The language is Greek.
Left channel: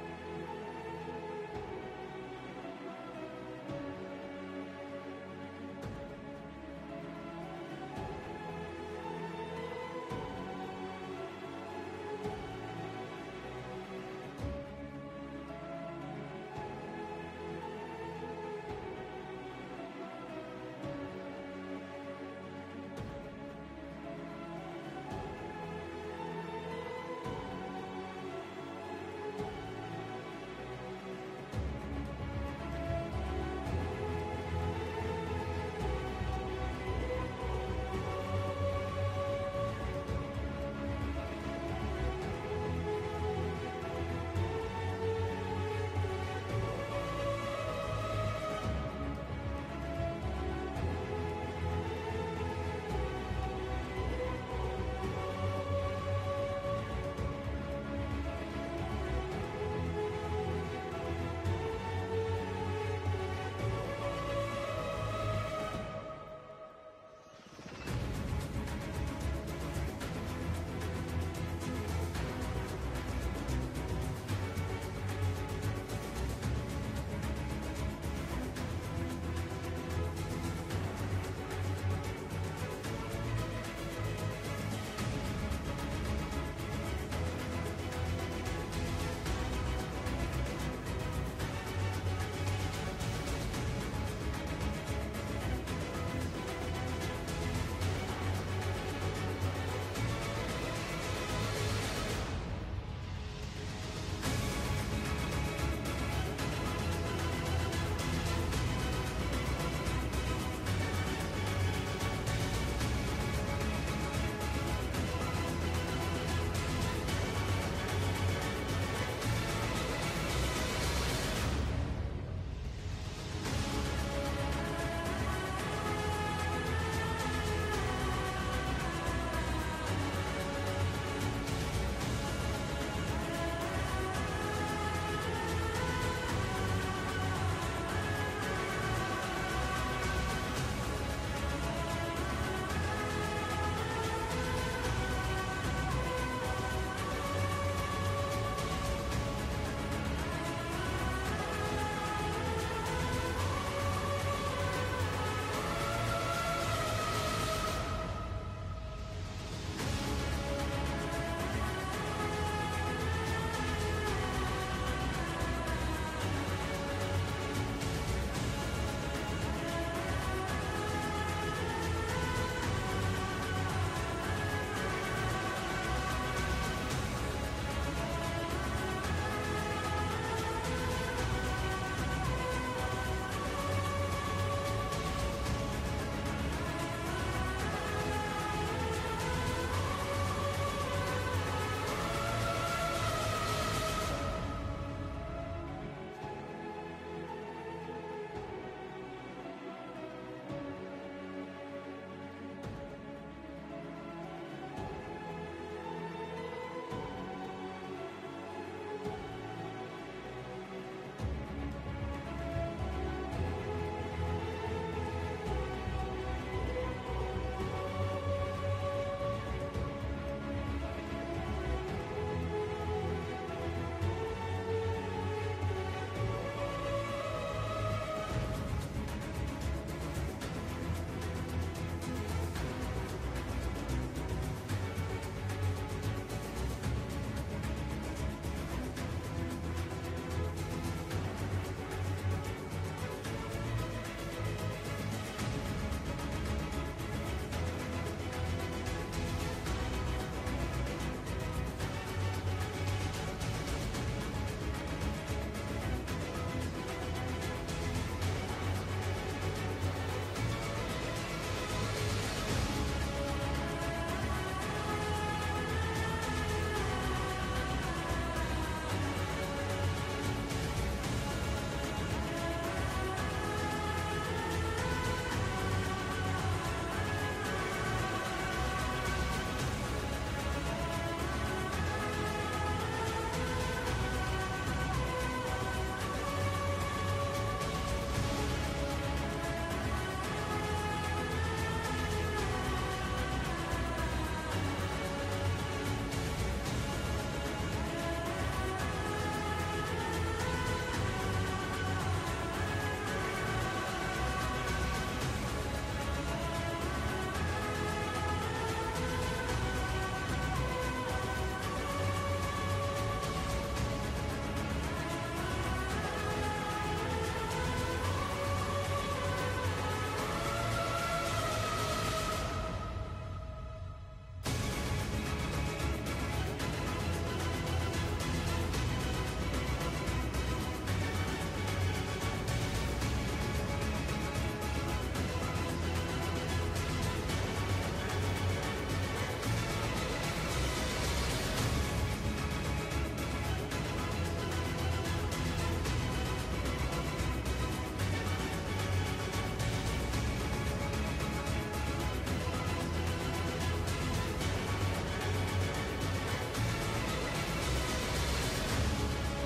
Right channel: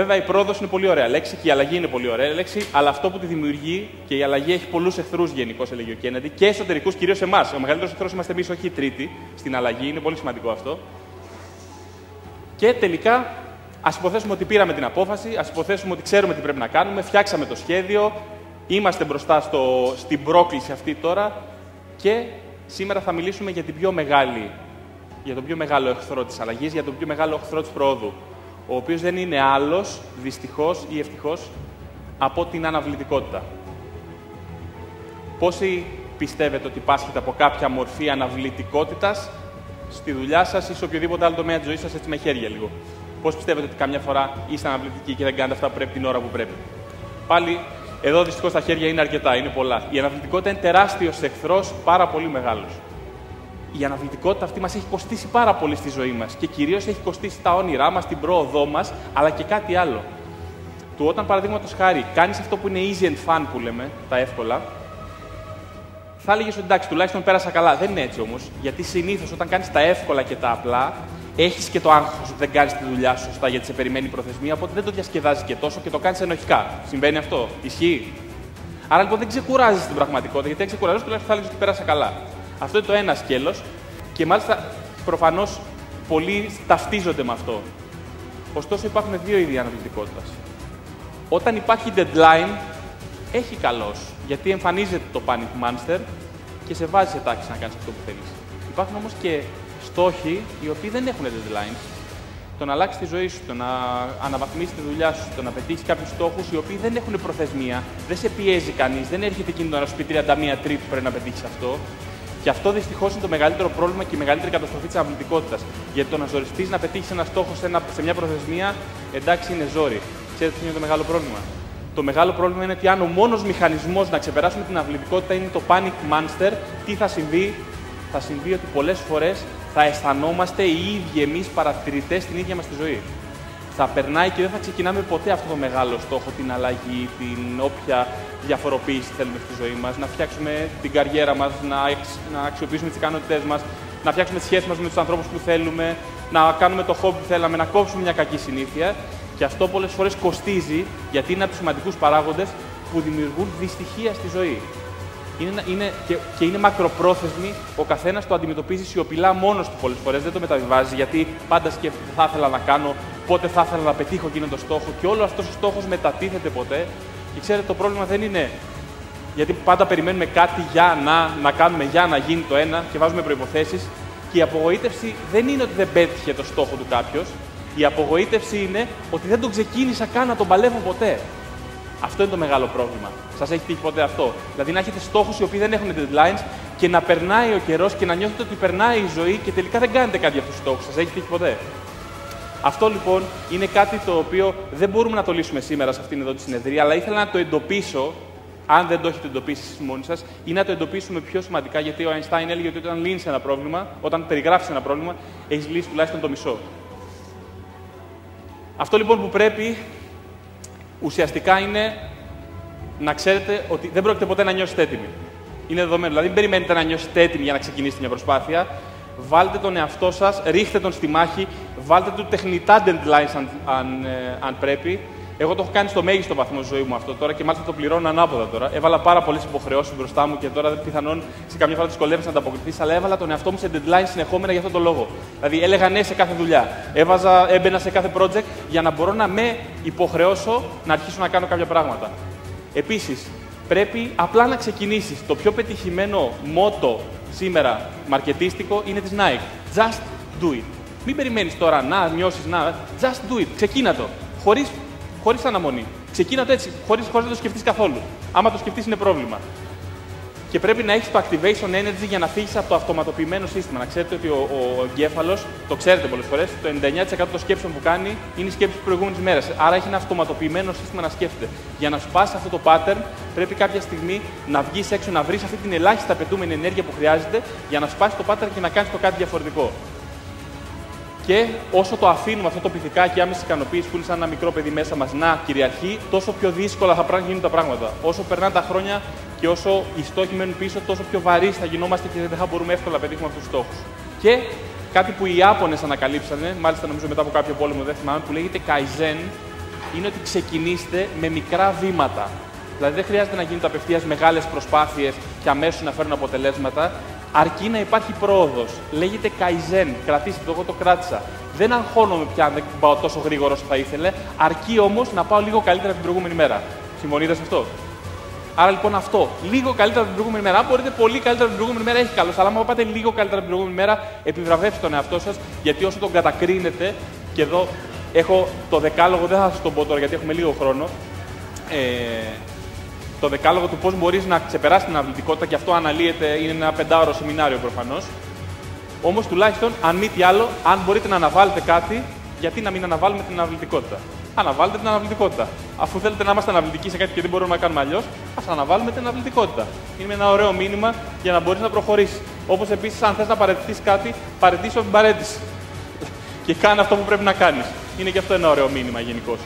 Βέβαια, η πρόοδος είναι πολύ ωραία λέξη και η αλλαγή είναι πολύ ωραία λέξη, αλλά αυτό που τη δημιουργεί και η αλλαγή έχει πολλούς εχθρούς γενικώς, έλεγε ο Κέννεντι, και εσωτερικούς, κυρίως εμάς. Ο μεγαλύτερος εχθρός είμαστε εμείς, όχι οι τρίτοι, στην αλλαγή. Είναι πολύ σημαντικό αυτό. Και τελικά, ας υποθέσουμε ότι πήραμε την απόφαση, ας υποθέσουμε ότι ξέρουμε τι πρέπει να κάνουμε, φτιάξαμε το σχέδιο, είμαστε μπροστά στην πρόκληση αυτή τώρα και σήμερα θα μιλήσουμε για τον πιο μεγάλο εχθρό της αλλαγής, για τον πιο μεγάλο εχθρό της προόδου, ο οποίος δεν είναι άλλος, δυστυχώς ή ευτυχώς, από την αναβλητικότητα. Πόσοι πιστεύετε ότι πάσχετε από κάποια μορφή αναβλητικότητας στη δουλειά σας ή σε οποιοδήποτε άλλο τομέα της ζωής σας, έτσι με χέρια λίγο? Πώς πιστεύετε ότι καμιά φορά είστε αναβλητικοί και δεν κάνετε αυτά που πρέπει την ώρα που πρέπει? Πάλι, εδώ δυστυχώς τα χέρια είναι αρκετά, είναι πολλά. Η αναβλητικότητα είναι τεράστιος εχθρός, πάρα πολύ μεγάλος. Η αναβλητικότητα αυτή μας έχει κοστίσει πάρα πολύ στη ζωή μας και κυρίως έχει κοστίσει τα όνειρά μας, την πρόοδό μας, αλλά και κάτι άλλο. Του όταν, παραδείγματος χάρη, κάνεις αυτό που είναι easy and fun, που λέμε, τα εύκολα, θα έλεγες ότι εντάξει, τουλάχιστον πέρασα καλά. Δεν είναι έτσι όμως, γιατί συνήθως όταν κάνεις τα εύκολα και τα απλά, έχεις και το άγχος ότι δεν κάνεις τη δουλειά σου σωστά γιατί σε περιμένει η προθεσμία, οπότε δεν το διασκεδάζεις και τόσο και το κάνεις ενοχικά. Συμβαίνει αυτό? Ισχύει? Άρα λοιπόν δεν ξεκουράζεις την πραγματικότητα, γιατί αν ξεκουράζεις, τουλάχιστον θα έλεγες ότι πέρασα καλά. Αυτό είναι το ένα σκέλος και μάλιστα προφανώς πολλοί ταυτίζονται με αυτό. Ωστόσο υπάρχουν δύο είδη αναβλητικότητας. Όταν υπάρχει deadline, έχει καλός, γιατί εμφανίζεται το panic monster και σε βάζει σε τάξη να κάνεις αυτό που θέλεις. Υπάρχουν όμως και στόχοι οι οποίοι δεν έχουν deadline. Το να αλλάξει τη ζωή σου, το να αναβαθμίσει τη δουλειά σου, το να πετύχει κάποιους στόχους οι οποίοι δεν έχουν προθεσμία, δεν σε πιέζει κανείς, δεν έρχεται εκείνο να σου πει 31 τρίπ που πρέπει να πετύχει αυτό. Και αυτό δυστυχώς είναι το μεγαλύτερο πρόβλημα και η μεγαλύτερη καταστροφή της αναβλητικότητας. Γιατί το να ζοριστείς να πετύχεις ένα στόχο σε μια προθεσμία, εντάξει, είναι ζόρι. Ξέρετε τι είναι το μεγάλο πρόβλημα? Το μεγάλο πρόβλημα είναι ότι αν ο μόνος μηχανισμός να ξεπεράσουμε την αναβλητικότητα είναι το panic monster, τι θα συμβεί? Θα συμβεί ότι πολλές φορές θα αισθανόμαστε οι ίδιοι εμείς παρατηρητές στην ίδια μας τη ζωή. Θα περνάει και δεν θα ξεκινάμε ποτέ αυτό το μεγάλο στόχο, την αλλαγή, την όποια διαφοροποίηση θέλουμε στη ζωή μας, να φτιάξουμε την καριέρα μας, να αξιοποιήσουμε τις ικανότητές μας, να φτιάξουμε τις σχέσεις μας με τους ανθρώπους που θέλουμε, να κάνουμε το χόμπι που θέλαμε, να κόψουμε μια κακή συνήθεια. Και αυτό πολλές φορές κοστίζει, γιατί είναι από τους σημαντικούς παράγοντες που δημιουργούν δυστυχία στη ζωή. Και είναι μακροπρόθεσμη, ο καθένας το αντιμετωπίζει σιωπηλά μόνος του πολλές φορές, δεν το μεταβιβάζει, γιατί πάντα σκέφτεται θα ήθελα να κάνω, πότε θα ήθελα να πετύχω εκείνο το στόχο και όλο αυτός ο στόχος μετατίθεται ποτέ. Και ξέρετε, το πρόβλημα δεν είναι γιατί πάντα περιμένουμε κάτι να κάνουμε για να γίνει το ένα και βάζουμε προϋποθέσεις. Και η απογοήτευση δεν είναι ότι δεν πέτυχε το στόχο του κάποιος. Η απογοήτευση είναι ότι δεν τον ξεκίνησα καν να τον παλεύω ποτέ. Αυτό είναι το μεγάλο πρόβλημα. Σας έχει τύχει ποτέ αυτό? Δηλαδή να έχετε στόχους οι οποίοι δεν έχουν deadlines και να περνάει ο καιρός και να νιώθετε ότι περνάει η ζωή και τελικά δεν κάνετε κάτι για αυτούς τους στόχους. Σας έχει τύχει ποτέ? Αυτό λοιπόν είναι κάτι το οποίο δεν μπορούμε να το λύσουμε σήμερα σε αυτήν εδώ τη συνεδρία, αλλά ήθελα να το εντοπίσω, αν δεν το έχετε εντοπίσει εσείς μόνοι σας, ή να το εντοπίσουμε πιο σημαντικά, γιατί ο Einstein έλεγε ότι όταν λύνεις ένα πρόβλημα, όταν περιγράφεις ένα πρόβλημα, έχεις λύσει τουλάχιστον το μισό. Αυτό λοιπόν που πρέπει ουσιαστικά είναι να ξέρετε ότι δεν πρόκειται ποτέ να νιώσετε έτοιμοι. Είναι δεδομένο. Δηλαδή, μην περιμένετε να νιώσετε έτοιμοι για να ξεκινήσετε μια προσπάθεια. Βάλτε τον εαυτό σας, ρίχτε τον στη μάχη, βάλτε του τεχνητά deadlines αν πρέπει. Εγώ το έχω κάνει στο μέγιστο βαθμό στη ζωή μου αυτό τώρα και μάλιστα το πληρώνω ανάποδα τώρα. Έβαλα πάρα πολλές υποχρεώσεις μπροστά μου και τώρα πιθανόν σε καμιά φορά δυσκολεύεσαι να ανταποκριθείς, αλλά έβαλα τον εαυτό μου σε deadlines συνεχόμενα για αυτόν τον λόγο. Δηλαδή, έλεγα ναι σε κάθε δουλειά. Έμπαινα σε κάθε project για να μπορώ να με υποχρεώσω να αρχίσω να κάνω κάποια πράγματα. Επίσης, πρέπει απλά να ξεκινήσεις. Το πιο πετυχημένο μότο σήμερα μαρκετίστικο είναι της Nike. Just do it. Μην περιμένεις τώρα να νιώσεις, just do it. Ξεκίνα το. Χωρίς αναμονή. Ξεκίνα το έτσι, χωρίς να το σκεφτείς καθόλου. Άμα το σκεφτείς είναι πρόβλημα. Και πρέπει να έχεις το activation energy για να φύγεις από το αυτοματοποιημένο σύστημα. Να ξέρετε ότι ο εγκέφαλος, το ξέρετε πολλές φορές, το 99% των σκέψεων που κάνει είναι οι σκέψεις της προηγούμενης ημέρας. Άρα έχει ένα αυτοματοποιημένο σύστημα να σκέφτεται. Για να σπάσει αυτό το pattern, πρέπει κάποια στιγμή να βγεις έξω, να βρεις αυτή την ελάχιστα απαιτούμενη ενέργεια που χρειάζεται για να σπάσει το pattern και να κάνεις το κάτι διαφορετικό. Και όσο το αφήνουμε αυτό το πυθικάκι άμεση ικανοποίηση που είναι σαν ένα μικρό παιδί μέσα μας να κυριαρχεί, τόσο πιο δύσκολα θα γίνουν τα πράγματα. Όσο περνάνε τα χρόνια και όσο οι στόχοι μένουν πίσω, τόσο πιο βαρύς θα γινόμαστε και δεν θα μπορούμε εύκολα να πετύχουμε αυτούς τους στόχους. Και κάτι που οι Ιάπωνες ανακαλύψανε, μάλιστα νομίζω μετά από κάποιο πόλεμο, δεν θυμάμαι, που λέγεται Kaizen, είναι ότι ξεκινήστε με μικρά βήματα. Δηλαδή δεν χρειάζεται να γίνονται απευθείας μεγάλες προσπάθειες και αμέσως να φέρουν αποτελέσματα, αρκεί να υπάρχει πρόοδος. Λέγεται Kaizen, κρατήστε το, εγώ το κράτησα. Δεν αγχώνομαι πια αν δεν πάω τόσο γρήγορα όσο θα ήθελε, αρκεί όμως να πάω λίγο καλύτερα την προηγούμενη μέρα. Συμφωνείτε σε αυτό? Άρα λοιπόν αυτό, λίγο καλύτερα την προηγούμενη μέρα. Αν μπορείτε πολύ καλύτερα την προηγούμενη μέρα, έχει καλώς. Αλλά αν πάτε λίγο καλύτερα την προηγούμενη μέρα, επιβραβεύστε τον εαυτό σας, γιατί όσο τον κατακρίνετε, και εδώ έχω το δεκάλογο, δεν θα σας το πω τώρα γιατί έχουμε λίγο χρόνο. Το δεκάλογο του πώς μπορείς να ξεπεράσεις την αναβλητικότητα, και αυτό αναλύεται, είναι ένα 5ωρο σεμινάριο προφανώς. Όμως τουλάχιστον, αν μη τι άλλο, αν μπορείτε να αναβάλλετε κάτι, γιατί να μην αναβάλουμε την αναβλητικότητα? Αναβάλλετε την αναβλητικότητα. Αφού θέλετε να είμαστε αναβλητικοί σε κάτι και δεν μπορούμε να κάνουμε αλλιώς, ας αναβάλουμε την αναβλητικότητα. Είναι ένα ωραίο μήνυμα για να μπορείς να προχωρήσεις. Όπως επίσης, αν θες να παραιτηθείς κάτι, παραιτήσου από την παραίτηση. Και κάνε αυτό που πρέπει να κάνεις. Είναι και αυτό ένα ωραίο μήνυμα γενικώς.